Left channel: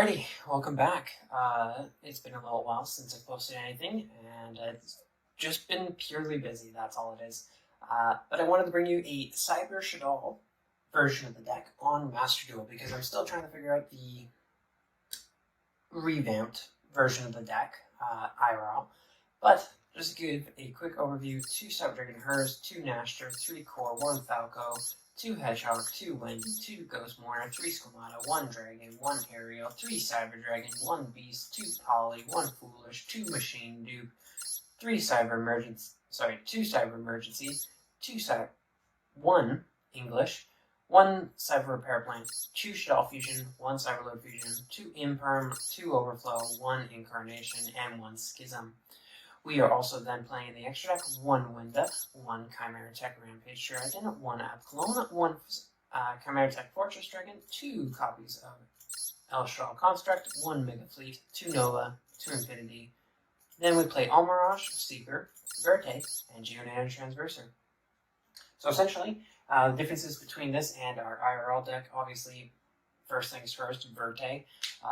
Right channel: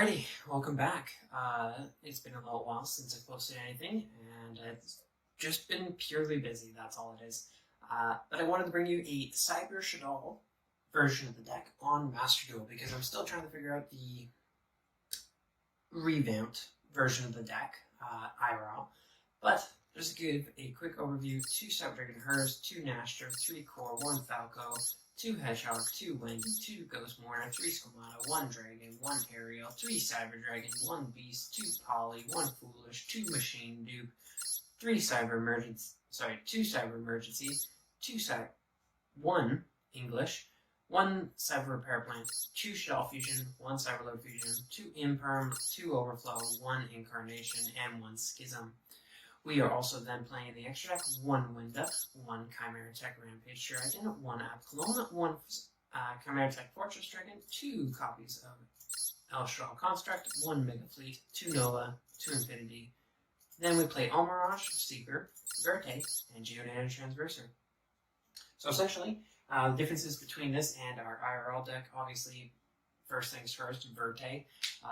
Alrighty, welcome back. It's been a little while since I've posted anything, and it's just been purely busy, that's all it is. But I wanted to bring you a Cyber Shaddolls version of the deck on Master Duel, because I'm still trying to figure out the revamped version of the deck, IRL. But just to give a quick overview, 2 Cyber Dragon Hers, 2 Nashter, 3 Core, 1 Falco, 2 Hedgehog, 2 Wind, 2 Ghost Mourner, 3 Squamata, 1 Dragon, 1 Aerial, 3 Cyber Dragon, 1 Beast, 2 Poly, 1 Foolish, 2 Machine Dupe, 3 Cyber Emergency, 2 Cyber Emergency, 1 English, 1 Cyber Repair Plant, 2 Shell Fusion, 1 Cyber Load Fusion, 2 Imperm, 2 Overflow, 1 Incarnation, and 1 Schism. We are also then playing the extra deck, 1 Winda, 1 Chimera Tech Rampage Dragon, 1 Abclone, 1 Chimera Tech Fortress Dragon, 2 copies of Elstral Construct, 1 Mega Fleet, 2 Nova, 2 Infinity. Then we play Almirage, Seeker, Verte, and Geonana Transverser. So essentially, the differences between this and our IRL deck, obviously, first things first, Verte,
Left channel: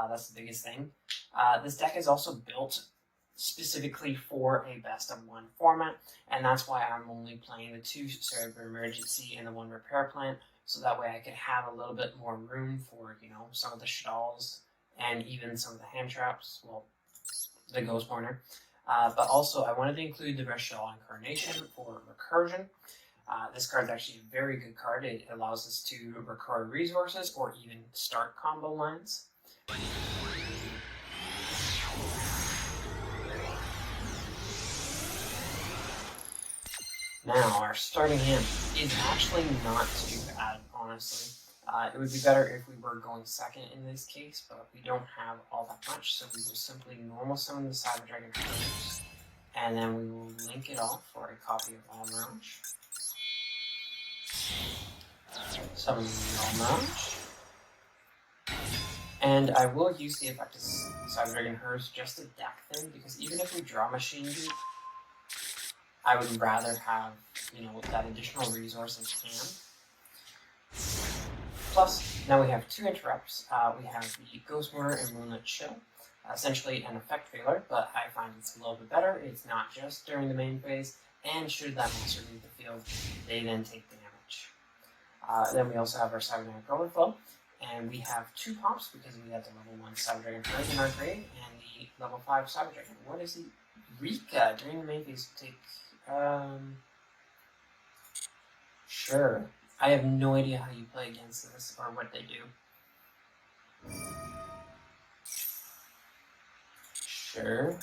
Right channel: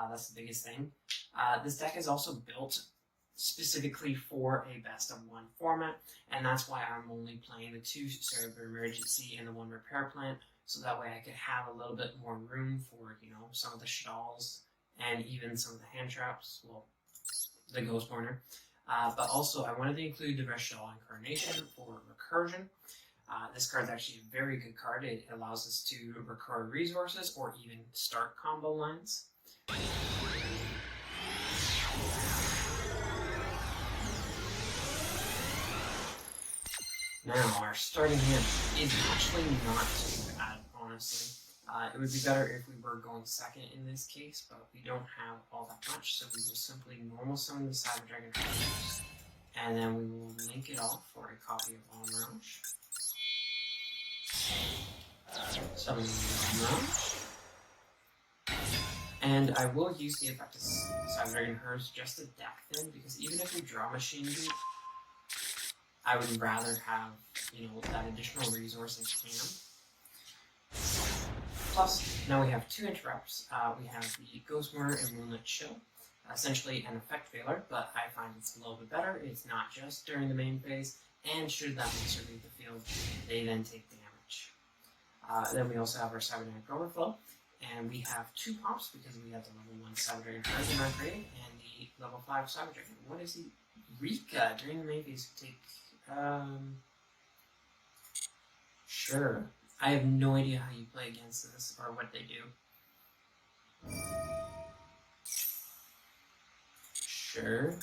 that's the biggest thing. This deck is also built specifically for a best of 1 format, and that's why I'm only playing the 2 Cyber Emergency and the 1 Repair Plant, so that way I can have a little bit more room for, some of the Shaddolls and even some of the hand traps, well, the Ghost Mourner. But also, I wanted to include the Shaddolls Incarnation for recursion. This card is actually a very good card. It allows us to record resources or even start combo lines. Now, our starting hand is actually not too bad, honestly. It would be better if we were going second in this case, but we don't have all that much, so we will simply normal summon the Cyber Dragon first, and then we will link it off for a copy of Almirage. Summon Almirage. And I will use the effect of Cyber Dragon Hers just to deck them, because even if we draw Machine Dupe, I would rather have, that additional resource in hand. Plus, now we have 2 interrupts. We have the Ghost Mourner and Moonlit Chill. Essentially an effect failure, but I find it's a little bit better. It's not just during the main phase, and should that monster leave the field, they then take damage. Then we also have our Cyber Dragon Overflow, and we have 2 pops because we have the level 1 Cyber Dragon Hers in our grade, and the level 5 Cyber Dragon. What is the Rika during the main phase take? Sure. I have no idea how you play against this or what they do. Sure.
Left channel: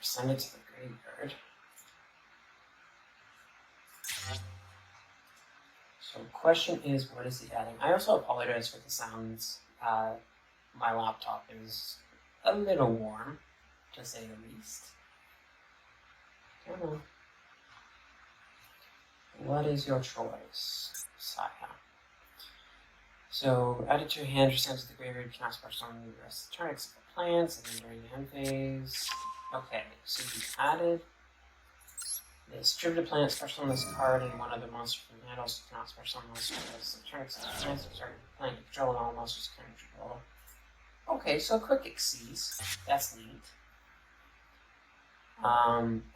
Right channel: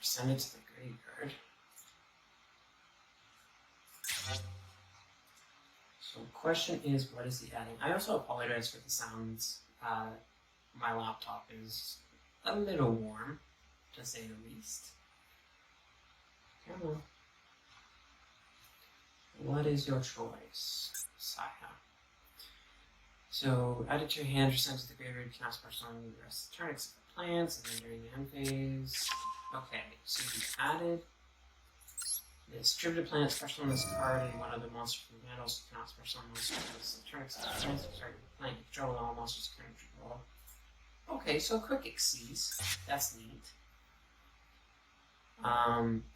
Send it to the graveyard. So the question is, what is he adding? I also apologize for the sounds. My laptop is a little warm, to say the least. Come on. What is your choice, Saya? So, add it to your hand, or send it to the graveyard, you can ask for some of the rest of the turn, except for plants, and then during the end phase. Okay, so we added this distributed plant, special on this card, and 1 other monster from the handles, you can ask for some monster for the rest of the turn, except for plants, start with plant, control all monsters can control. Okay, so quick exceeds. That's neat.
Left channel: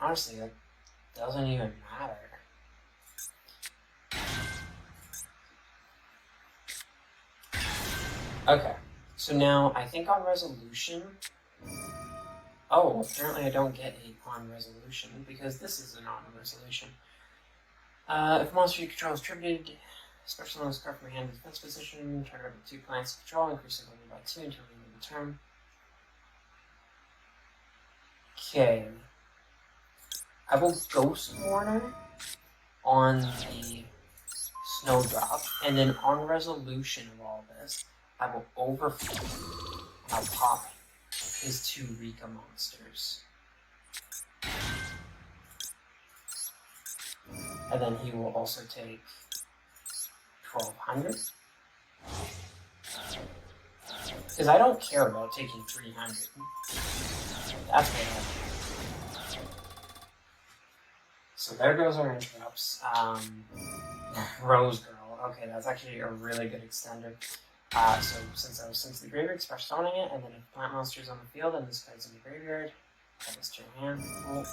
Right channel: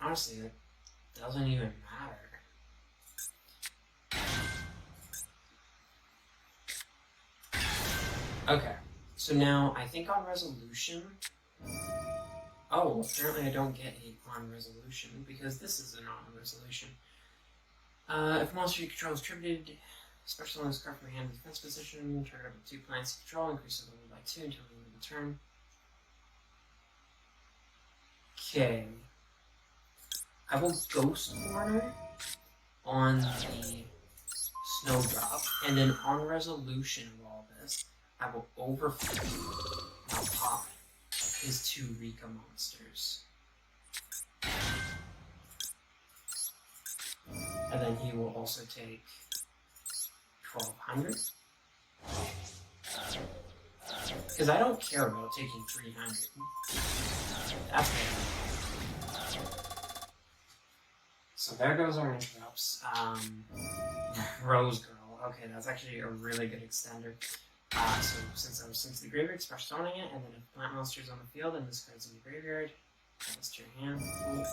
Honestly, that doesn't even matter. Okay, so now I think on resolution. Oh, apparently I don't get it on resolution because this is an on resolution. If a monster you control is tributed, special on this card from your hand in defense position, trigger with 2 plants control, increase the level by 2 until the end of the turn. Okay. I will Ghost Mourner on the Snowdrop, and then on resolution of all this, I will Overflow, and I'll pop his 2 Rika monsters. And then he will also take 1,200. Because I don't care about taking 300. That's bad. So there goes our interrupts. Rose Girl. Okay, that's actually a really good extender. So since I was sent to the graveyard, special summoning it, and then if plant monsters on the field and this guy's in the graveyard, add this to your hand. Cool.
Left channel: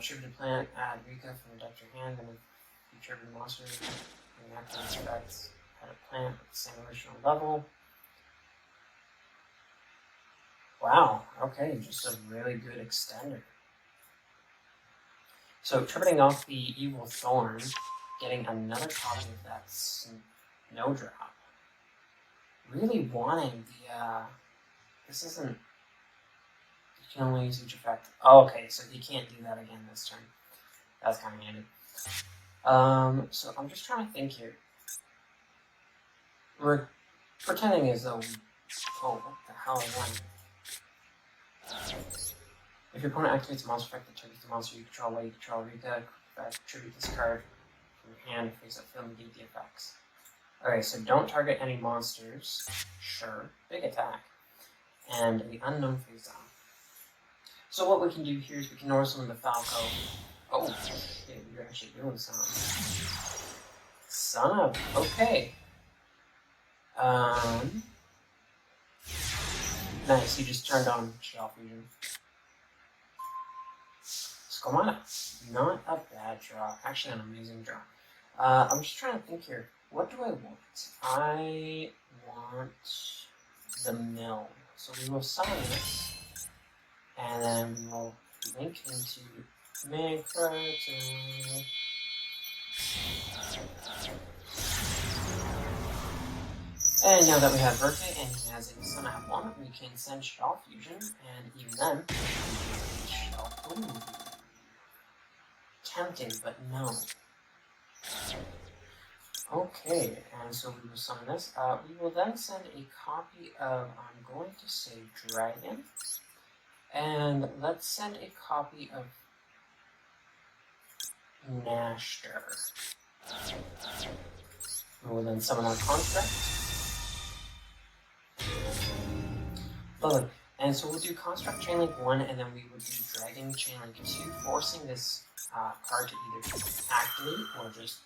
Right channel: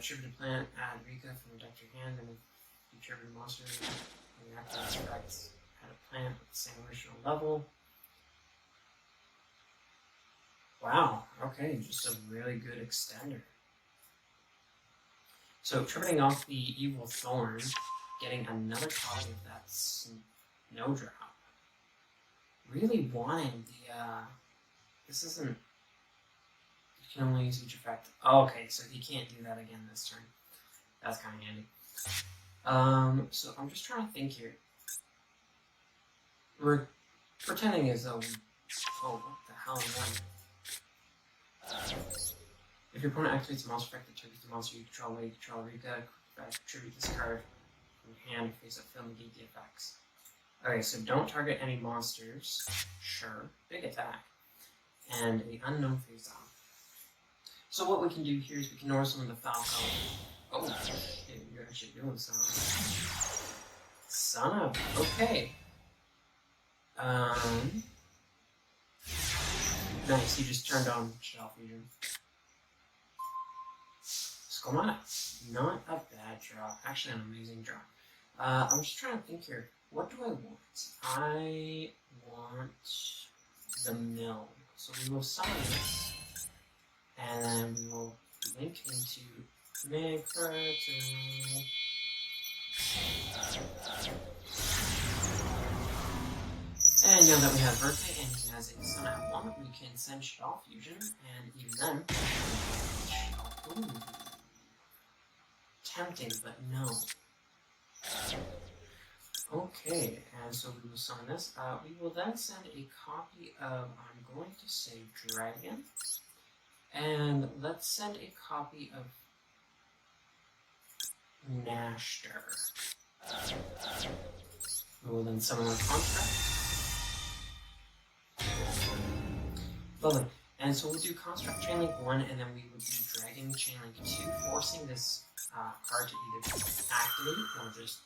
Tribute plant, add Rika from the deck to your hand, and if you tribute monsters, and that can expect add a plant with the same original level. Wow, okay, just a really good extender. So tributing off the Evil Thorn, getting another copy of that Snow Drop. Really wanting the, this isn't, you can only use each effect. Oh, okay, so he can't do that again this turn. That's kind of handy. So I'm just trying to think here. We're pretending as though we, oh, what the hell am I? If your opponent activates a monster effect that triggers the monster you control while you control Rika, tribute this card from your hand face up field and negate the effects. Okay, so don't target any monsters. Sure. Big attack. And the unknown face on. So what we can do here is we can summon the Falco. Oh, okay, you're actually doing something. Son of, okay. Nice, you just turned on Shell Fusion. Skomana. Not a bad draw. Actually, an amazing draw. I'm just trying to think here. What do I want? I want the mill. So we will summon this. And then we will link into make versatility. And now that we have Verka and he has a Sun at 1, we can send Shell Fusion, and even then, ooh. Tempting, but no. Okay, and so we will summon this. We will then send a copy of, I'm going to say Dragon, and let's send a copy of Nashter. We will then summon our Construct. Lovely. And so we'll do Construct Chainlink 1, and then we will do Dragon Chainlink 2, forcing this card to either activate or just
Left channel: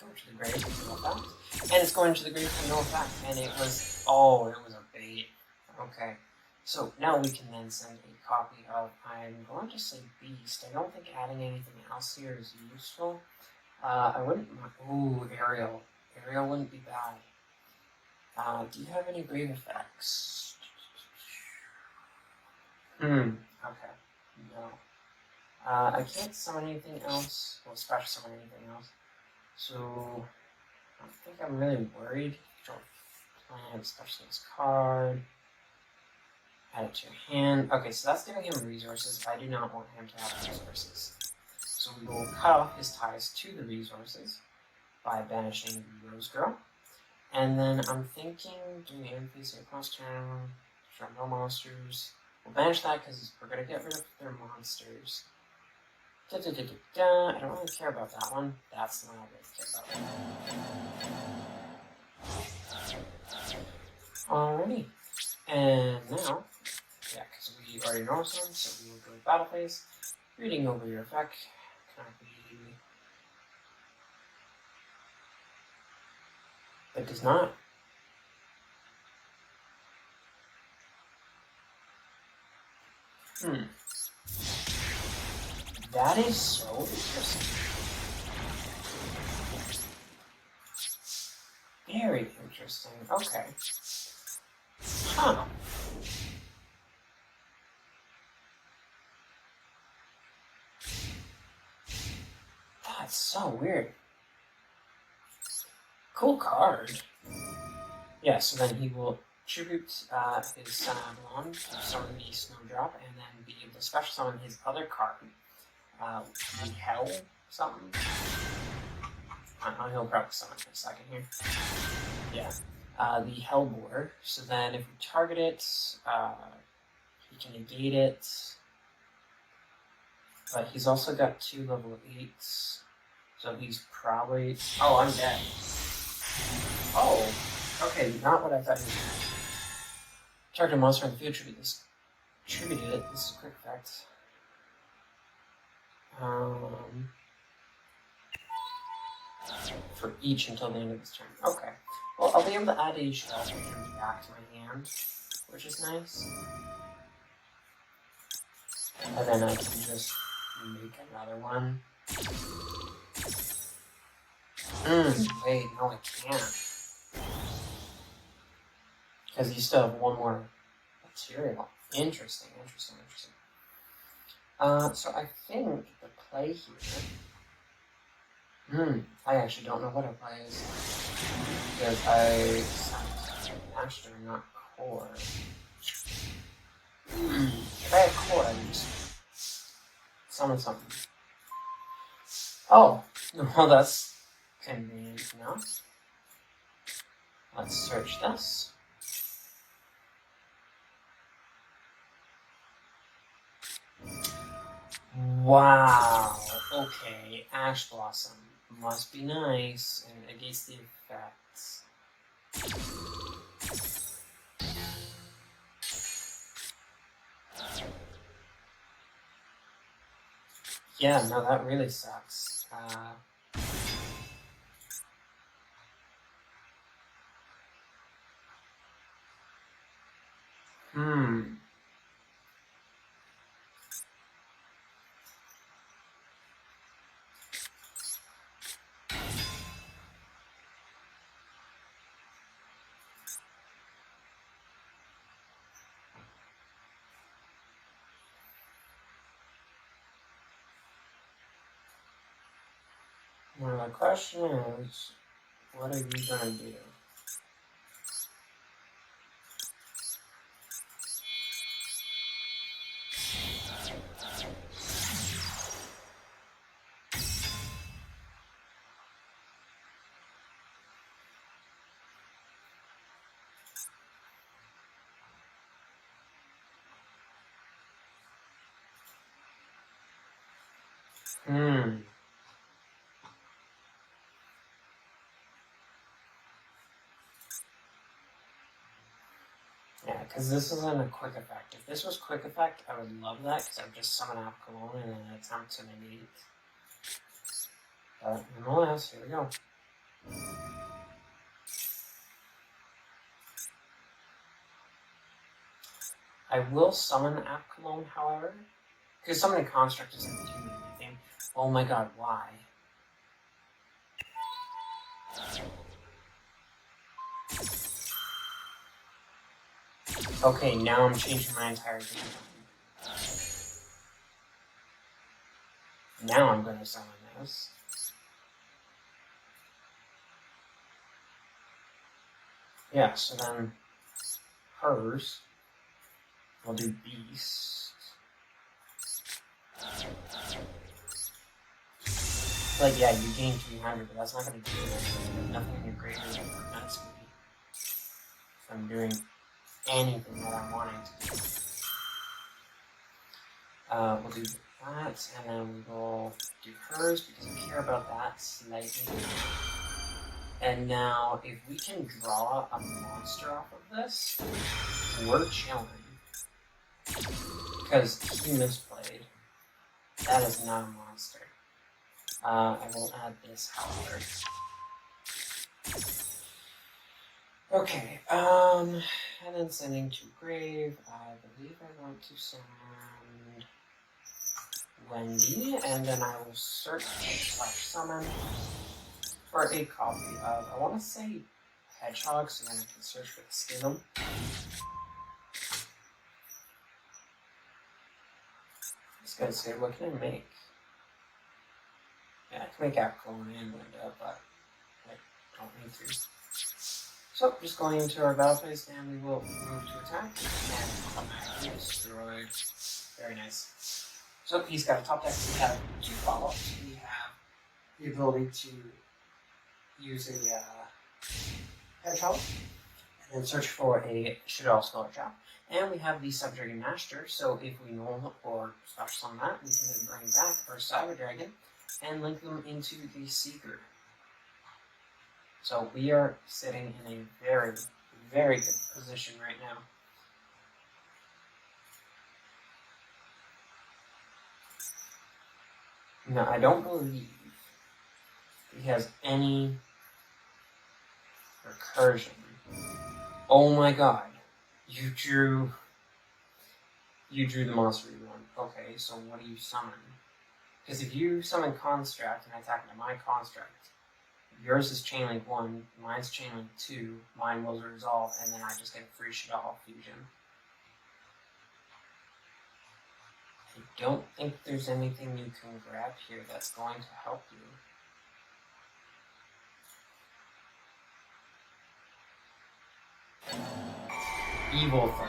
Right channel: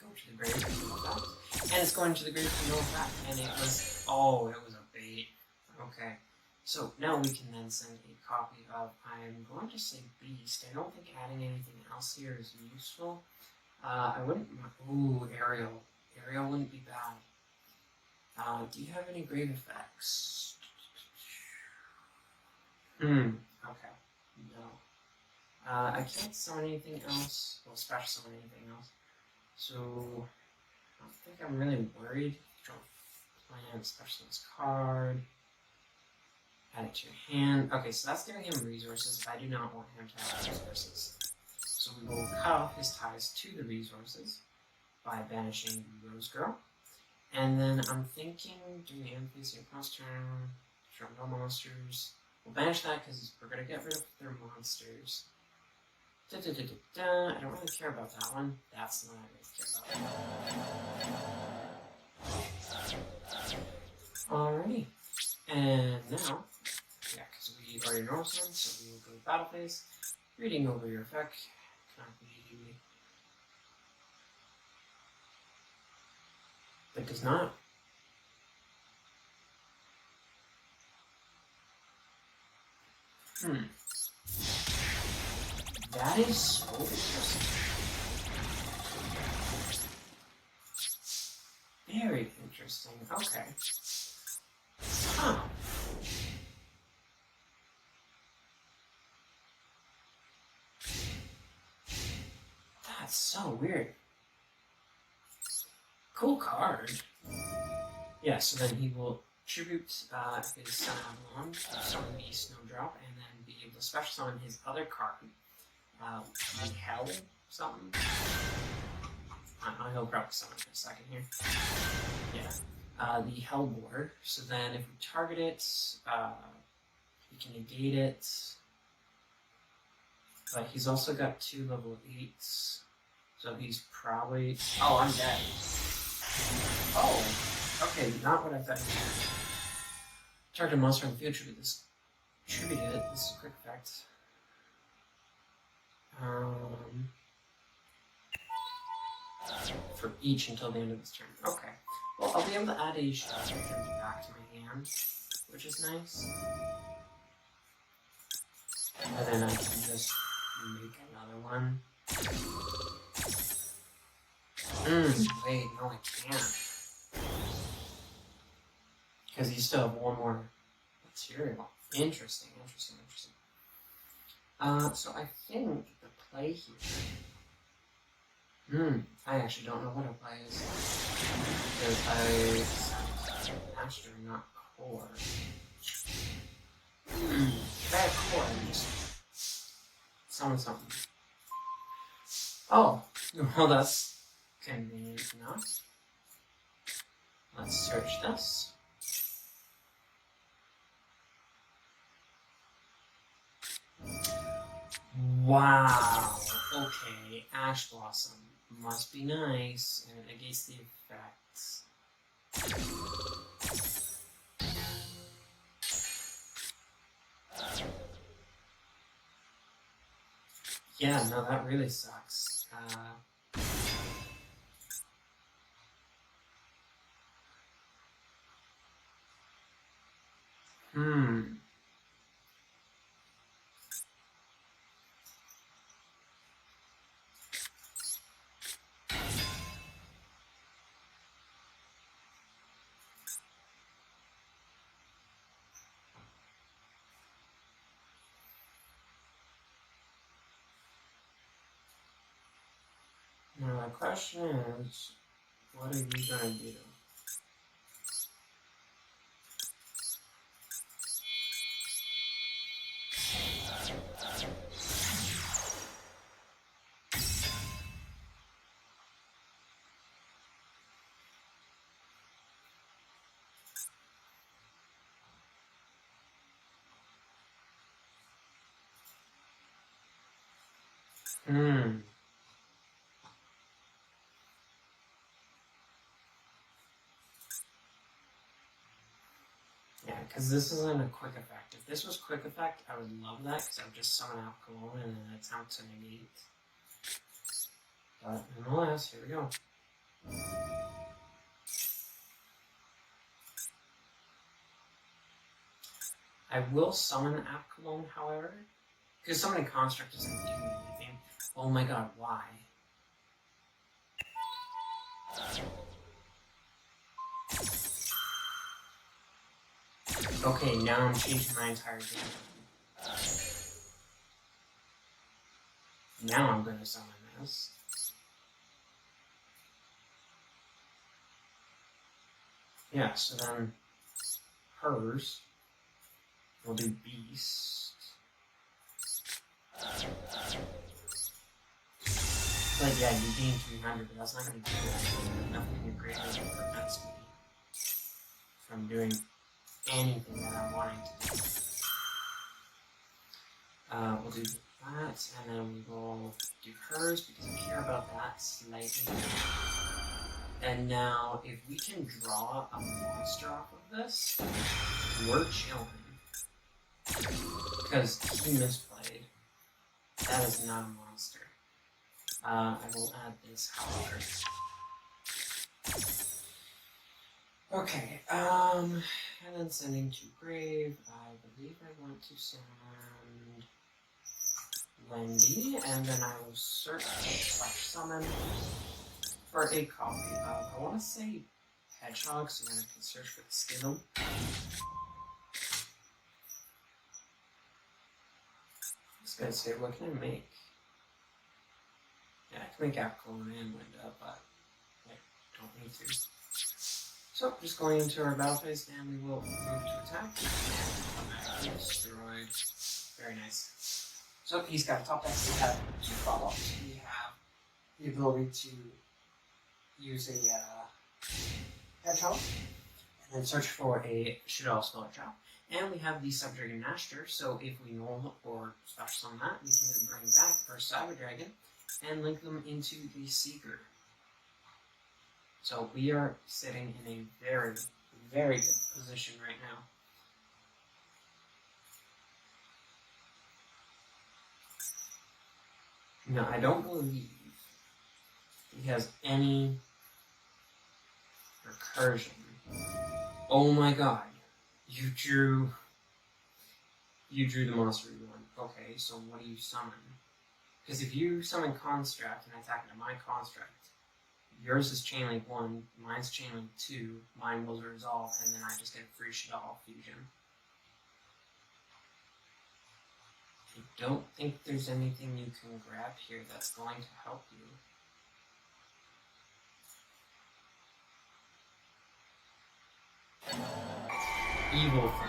go to the grave for no effect. And it's going to the grave for no effect. And it was, oh, it was a bait. Okay. So now we can then send a copy of, I'm going to say Beast. I don't think adding anything else here is useful. I wouldn't, ooh, Ariel. Ariel wouldn't be bad. Do you have any grave effects? Okay. No. I can't summon anything else. Well, special summon anything else. So, I don't think I'm really worried. Don't plan special this card. Add it to your hand. Okay, so that's giving him resources. I do not want him to have resources. So we will cut off his ties to the resources by banishing the Rose Girl. And then I'm thinking, do we face across turn, show no monsters. We'll banish that because we're going to get rid of their monsters. I don't really care about that one. That's the one I really care about. Alrighty. And now, yeah, because we already know some, so we will go to battle phase. Reading over your effect. Copy. But does not. That is so interesting. Very interesting. Okay. Huh. That's so weird. Cool card. Yeah, so then he will tribute his Sun on to summon the Snowdrop, and then be able to special summon his other card. The Hell something. He'll probably summon in a second here. Yeah. The Hellboard. So then if we target it, he can negate it. But he's also got 2 level 8s. So he's probably... Oh, I'm dead. Oh, okay, not what I thought he was. Target a monster in the field tributed it. This is a quick effect. For each until the end of this turn. Okay. Well, I'll be able to add a Shaddolls back to my hand, which is nice. And then I can just make another one. Wait, no I can't. Because you still have one more material. Interesting. So I think the play here... I actually don't know what a play is. Because I... Master, not core. If I have core, I just... Summon something. Oh! Well, that's convenient enough. Let's search this. Wow! Okay, Ash Blossom. Must be nice, and it gets the effects. Yeah, no, that really sucks. Now the question is, what are you gonna do? Yeah, because this isn't a quick effect. If this was quick effect, I would love that, because I would just summon out Cologne and then attempt to negate. But nonetheless, here we go. I will summon App Cologne, however, because summoning Construct isn't doing anything. Oh my god, why? Okay, now I'm changing my entire game. Now I'm going to summon this. Yeah, so then hers will do Beast. But yeah, you gain 300, but that's not going to do anything. Nothing in your graveyard prevents me from doing anything that I'm wanting to do. We'll do that, and then we will do hers, because we care about that slightly. And now, if we can draw a monster off of this, we're chilling. Because he misplayed. That is not a monster. I will add this, however. Okay, and then sending to grave. I believe I want to send Wendy, and then I will search summon for a copy of, I want to say Hedgehog, so then I can search for the Schism. Just gonna say, what can I make? Yeah, I can make Apple and Linda, but I don't need to. So, just going into our battle phase, and we will move to attack, and automatically destroy. Very nice. So, he's got a top deck, we have 2 follow-ups. We have the ability to use a Hedgehog, and then search for a Shaddolls Sculpture. And we have the Subdragon Master, so if we normal or special on that, we can then bring back our Cyber Dragon and link them into the Seeker. So we are sitting in a very, very good position right now. Now, I don't believe he has any Recursion. Oh my god. You drew the monster you want. Okay, so what do you summon? Because if you summon Construct and attack into my Construct, yours is Chain Link 1, mine's Chain Link 2, mine will resolve, and then I just get a free Shaddolls fusion. I don't think there's anything you can grab here that's going to help you. Evil thing.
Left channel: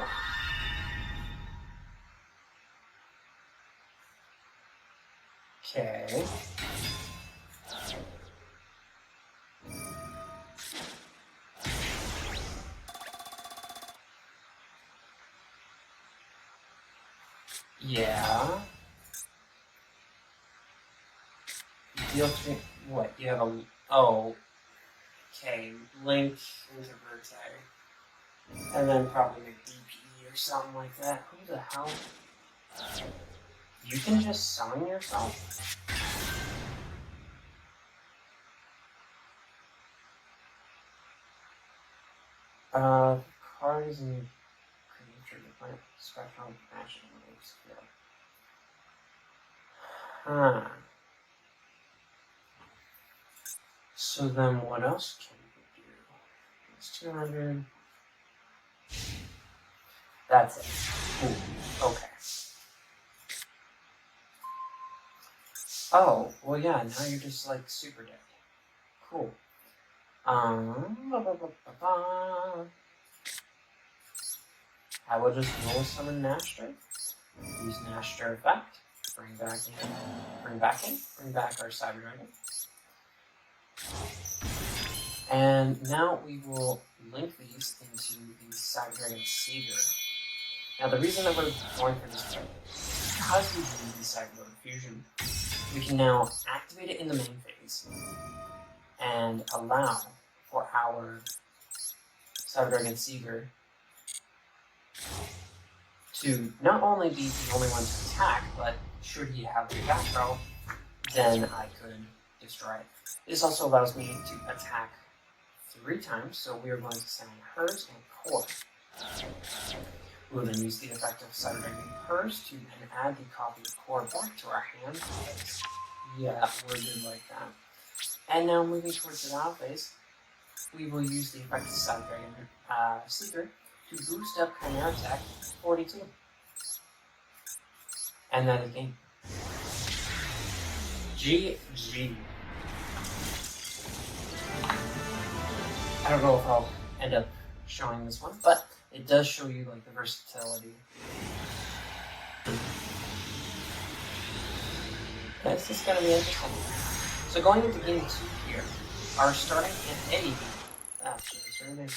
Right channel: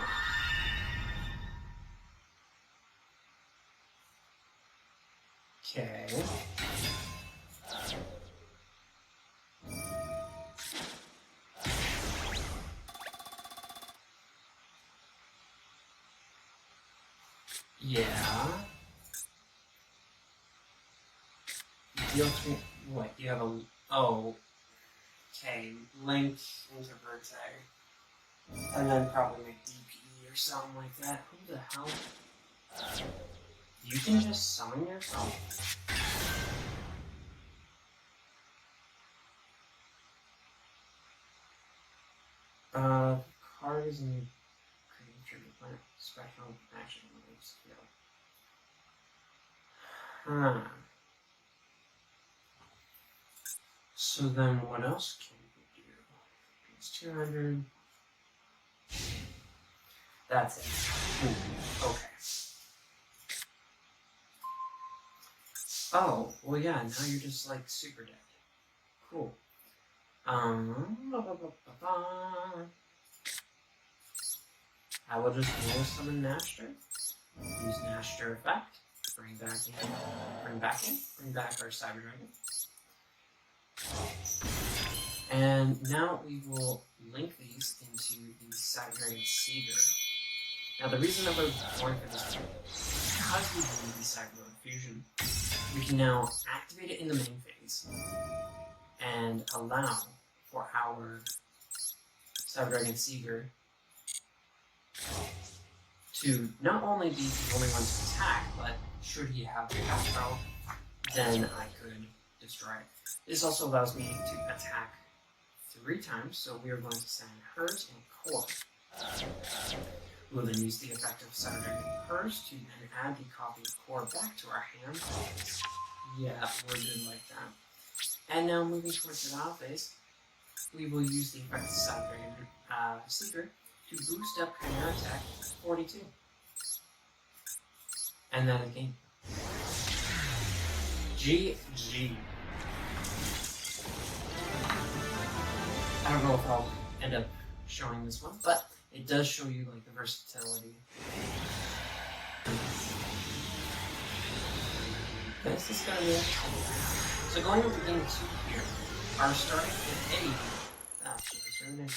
Okay. Yeah. Deal to what? You have a okay. Link into Versatility. And then probably make DP or something like that. Who the hell? You can just summon yourself? Card is in creature planet spectrum action moves. Huh. So then what else can we do? It's 200. That's it. Ooh, okay. Oh, well yeah, now you're just like super dead. Cool. I will just roll summon Nashter. Use Nashter effect. Bring back our Cyber Dragon. And now we will link these into the Cyber Dragon Seeger. Now the reason that we're going for this is because we use the Cyber Dragon Fusion, we can now activate it in the main phase and allow for our Cyber Dragon Seeger to not only be the only one to attack, but should he have the back row, then I could destroy it. This also allows me to attack 3 times, so we are going to send hers and core. We will then use the effect of Cyber Dragon hers to then add the copy of core back to our hand. Yeah, we're good like that. And now moving towards the battle phase, we will use the effect of Cyber Dragon Seeker to boost up Chimera attack 42. And then again. GG. I don't know if I'll end up showing this one, but it does show you like the versatility. This is gonna be interesting. So going into game 2 here, our starting hit actually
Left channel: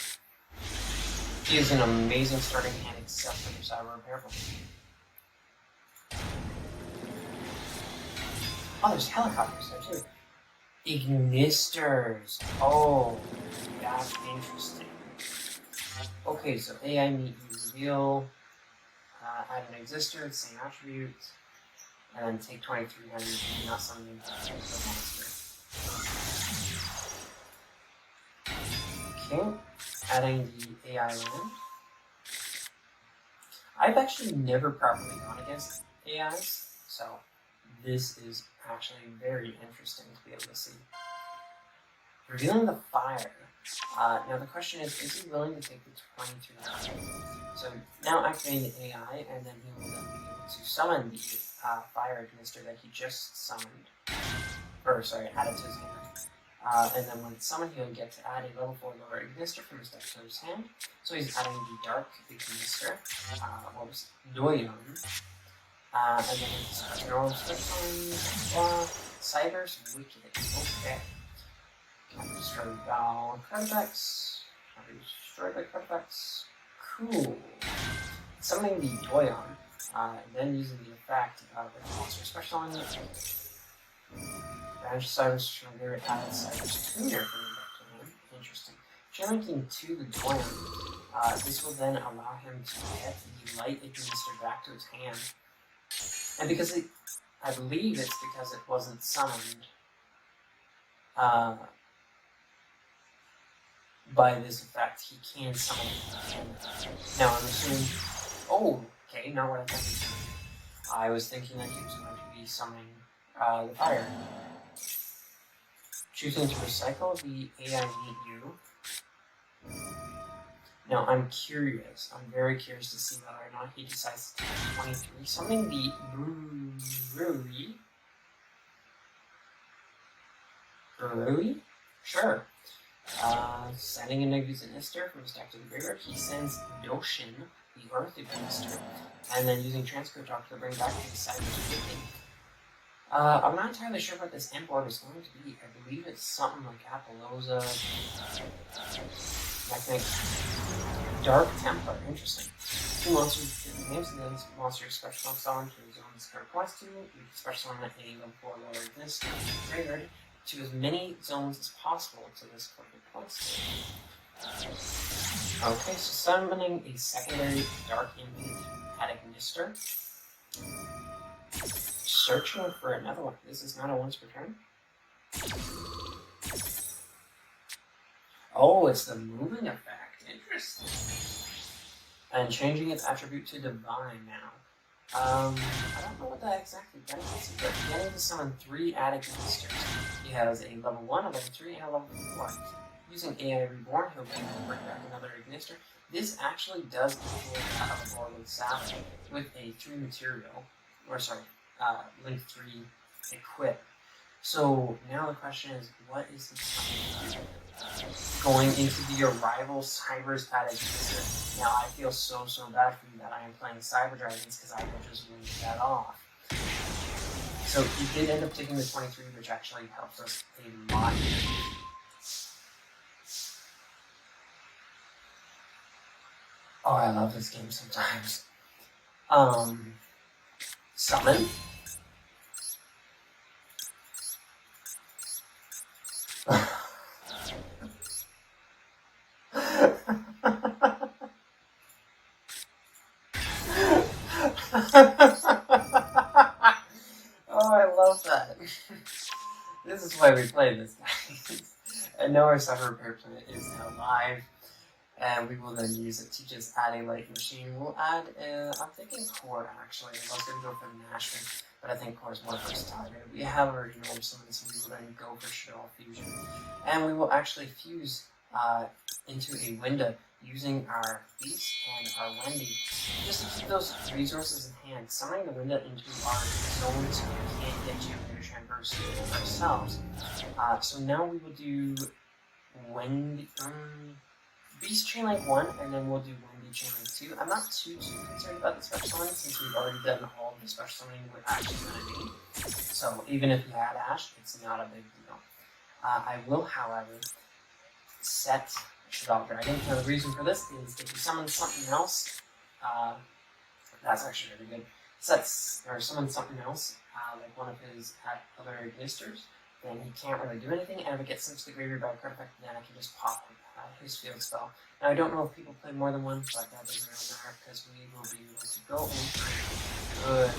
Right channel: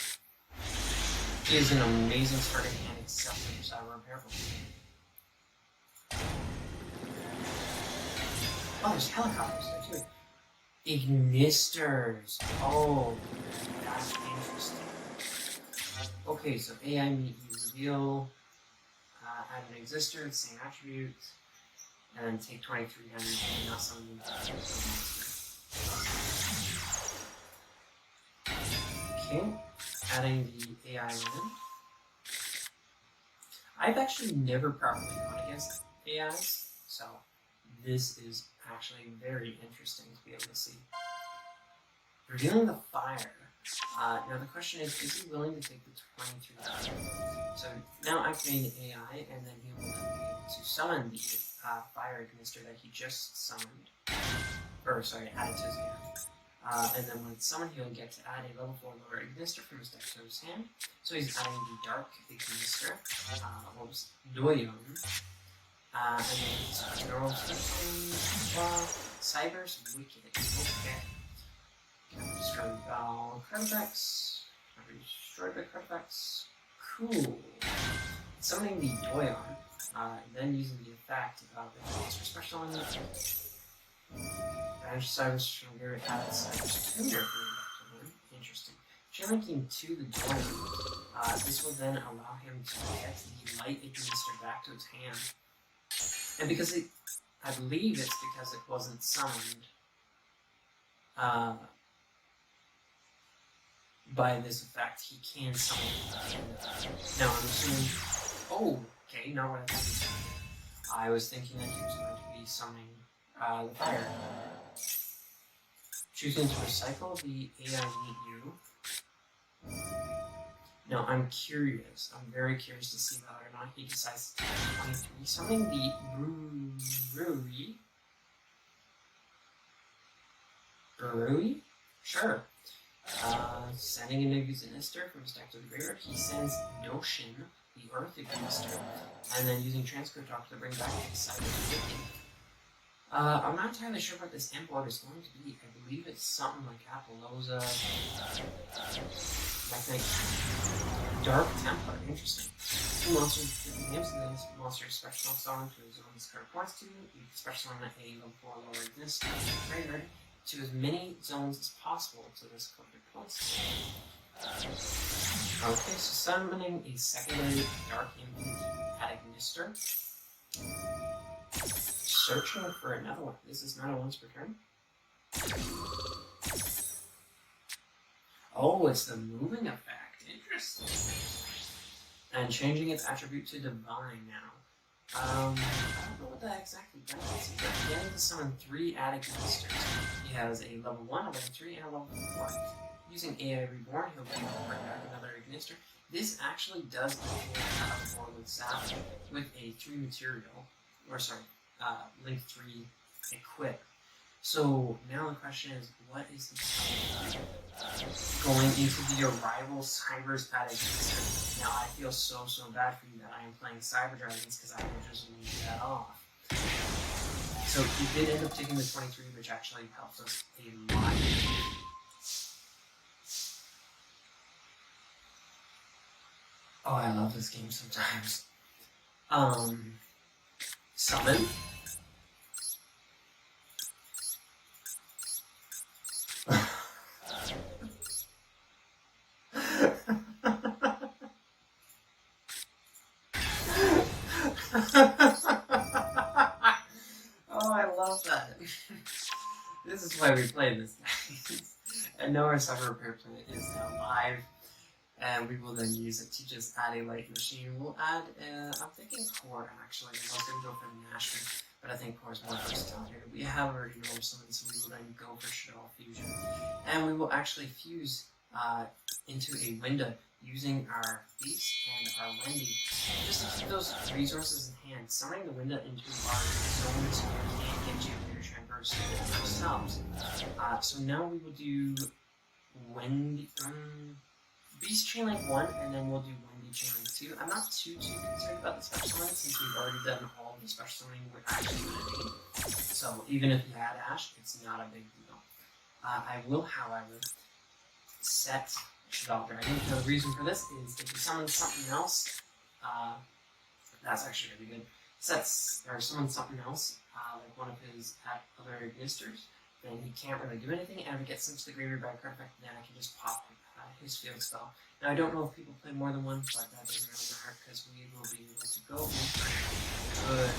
is an amazing starting hand except for the Cyber Repair. Oh, there's helicopters there too. Ignisters. Oh, that's interesting. Okay, so AI meet use reveal, add an exister, same attribute, and then take 2300 and not something okay, adding the AI in. I've actually never properly gone against AIs, so this is actually very interesting to be able to see. Revealing the fire. Now the question is he willing to take the 2200? So now activating the AI, and then he will then be able to summon the fire ignister that he just summoned. Or sorry, added to his hand. And then when it's summoned, he'll get to add a level 4 lower ignister from his deck to his hand. So he's adding the dark ignister, what was Duel. And then it's general Cider's Wicked. Okay. Can destroy the card effects. Can destroy the card effects. Cool. Summoning the Doyon, then using the effect of the monster special on it. Banish Cyrus from there, added Cyrus Tuner for the interesting. Linking to the Doyon, this will then allow him to get the light ignister back to his hand. And because I believe it's because it wasn't summoned. by this effect, he can summon Panda. Now I'm assuming. Oh, okay, not what I thought. I was thinking that he was going to be summoning the fire. Choosing to recycle the AI Meet You. Now I'm curious. I'm very curious to see whether or not he decides to take 23. Summoning the Brewery? Sure. Sending a Ignister from his deck to the graveyard. He sends Notion, the Earth Ignister, and then using Transfer Talk to bring back the side of the building. I'm not entirely sure what this end board is going to be. I believe it's something like Appaloosa, Dark Templar. Interesting. 2 monsters, 50 names, and then monster special summon to his own card plus 2. You can special summon a level 4 lower this graveyard to as many zones as possible to this card plus 2. Okay, so summoning a secondary Dark Invade at Ignister. Searching for another one. This is not a once per turn. Oh, it's the moving effect. Interesting. And changing its attribute to divine now. I don't know what that exactly benefits, but he able to summon 3 Attic Monsters. He has a level 1, a level 3, and a level 4. Using AI Reborn, he'll be able to bring back another Ignister. This actually does equal a board with Salve with a 3 material. Or sorry, link 3 equip. So now the question is, what is the going into the Arrival Cybers at Ignister? Now I feel so bad for you that I am playing Cyber Dragons because I will just leave that off. So he did end up taking the 23, which actually helps us a lot. Oh, I love this game sometimes. Summon. Oh, I love that. This is why we play this. I know our Suffer Repair Planet is now live, and we will then use it to just add a light machine. We'll add, I'm thinking Core actually. I was going to go for the Nashman, but I think Core is more versatile. We have already known someone, so we will then go for Shaddolls Fusion. And we will actually fuse into a window using our Beast and our Wendy. Just to keep those resources in hand, summoning the window into our zones and generators and ourselves. So now we will do Wendy, Beast Chain Link 1, and then we'll do Wendy Chain Link 2. I'm not too concerned about the special link since we've already done all of the special summoning with Ash already. So even if we had Ash, it's not a big deal. I will, however, set Shaddolls Dragon. Now the reason for this is if you summon something else, that's actually really good. Summon something else, like one of his other Ignisters, then he can't really do anything, and if it gets sent to the graveyard by a card effect, then I can just pop his field spell. Now I don't know if people play more than one, but that doesn't really matter because we will be able to go in good.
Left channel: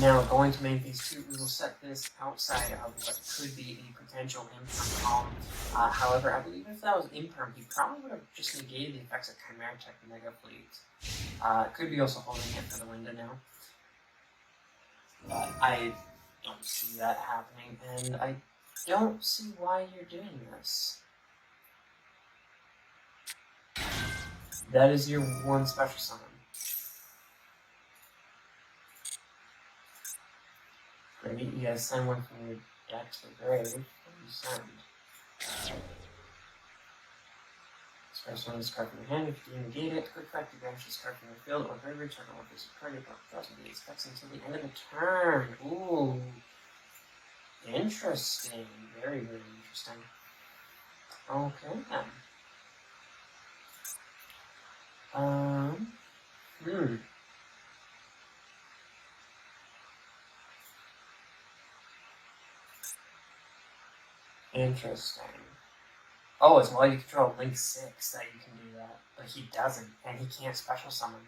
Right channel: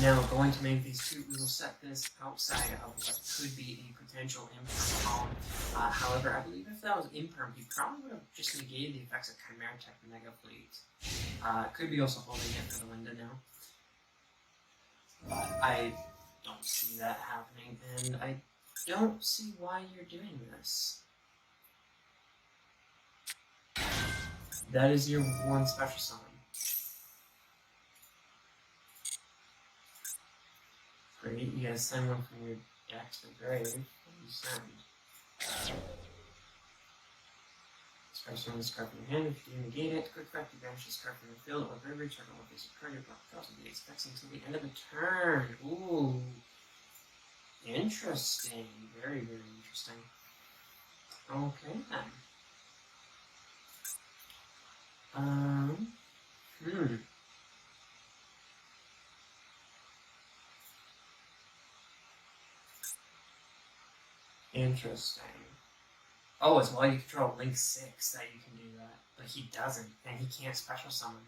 Now going to main phase 2, we will set this outside of what could be a potential imperm column. However, I believe if that was imperm, he probably would have just negated the effects of Chimera Tech Mega Fleet. Could be also holding it for the window now. But I don't see that happening, and I don't see why you're doing this. That is your one special summon. Great, you guys send one from your deck to the grave. What do you send? Special summon this card from your hand. If you negate it, quick effect, you banish this card from your field or graveyard, target one face of card, your block draws and negates effects until the end of the turn. Ooh. Interesting. Very interesting. Okay then. Interesting. Oh, it's while you control Link 6 that you can do that. But he doesn't, and he can't special summon.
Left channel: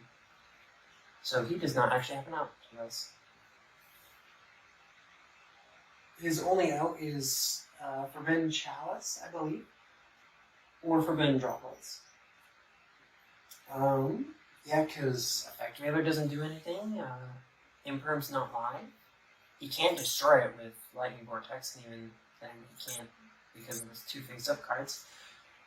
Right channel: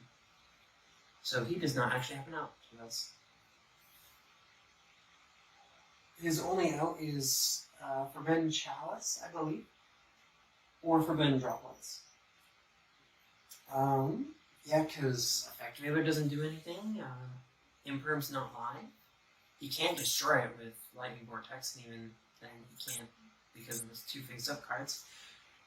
So he does not actually have an out to this. His only out is Forbidden Chalice, I believe, or Forbidden Droplets. Yeah, because Effect Veiler doesn't do anything. Imperm's not live. He can't destroy it with Lightning Vortex, and even then he can't because of his 2 face-up cards.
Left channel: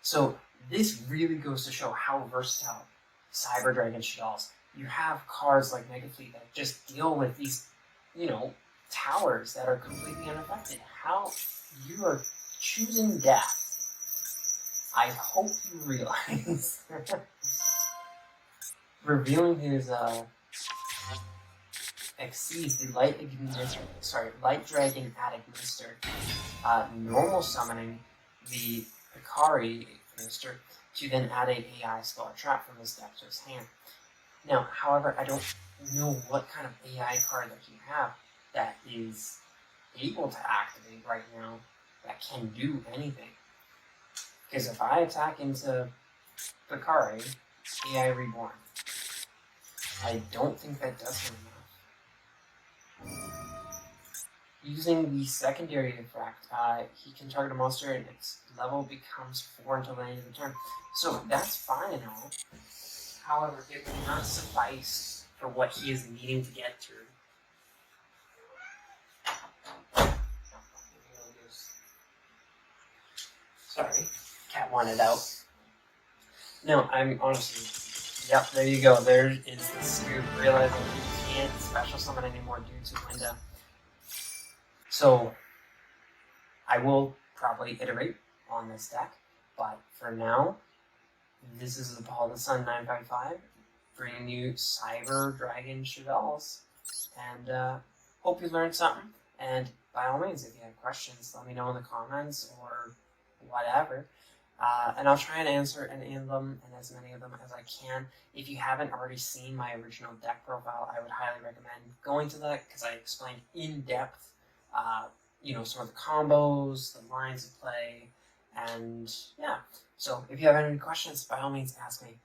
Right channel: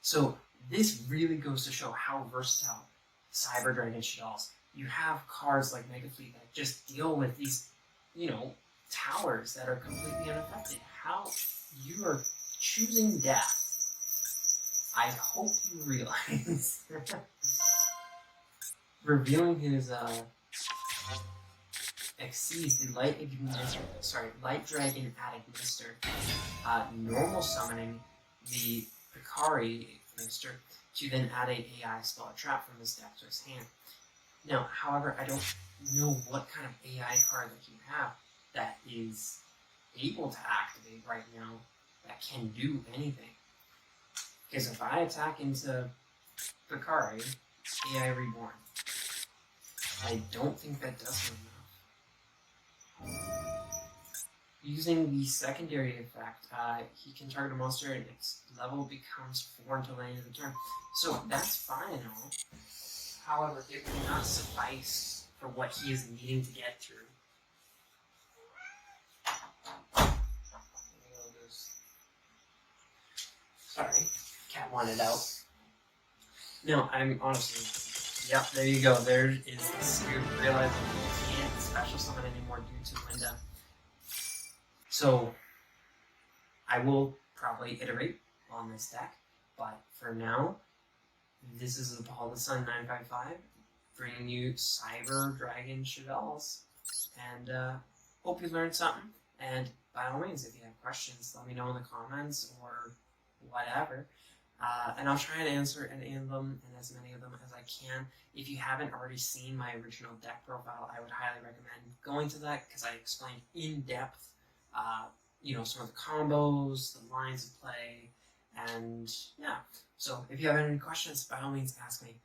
So this really goes to show how versatile Cyber Dragon Shaddolls. You have cards like Mega Fleet that just deal with these, towers that are completely unaffected. How you are choosing death. I hope you realize. Revealing his Exceeds the Light Dragon Administer, normal summoning the Picari Administer to then add an AI spell or trap from his deck to his hand. Now, however, I don't know what kind of AI card that you have that is able to activate right now that can do anything. Because if I attack into Picari, AI Reborn, I don't think that does him enough. Using the secondary effect, he can target a monster and its level becomes 4 until the end of the turn. So that's fine and all. However, it will not suffice for what he is needing to get through. Sorry, cat wanted out. No, I'm honestly... Yep, there you go. There is the scoop. Realizing you can't special summon anymore due to Linda. So, I will probably iterate on this deck, but for now, this is Paul the Sun 955 bringing you Cyber Dragon Shaddolls, and hope you learned something. And by all means, if you have questions, let me know in the comments or whatever. And I'll try and answer any of them and as many of them as I can. If you haven't already seen my original deck profile, I would highly recommend going to that because I explained in depth, sort of the combos, the lines of play, and yeah. So if you have any questions, by all means ask me.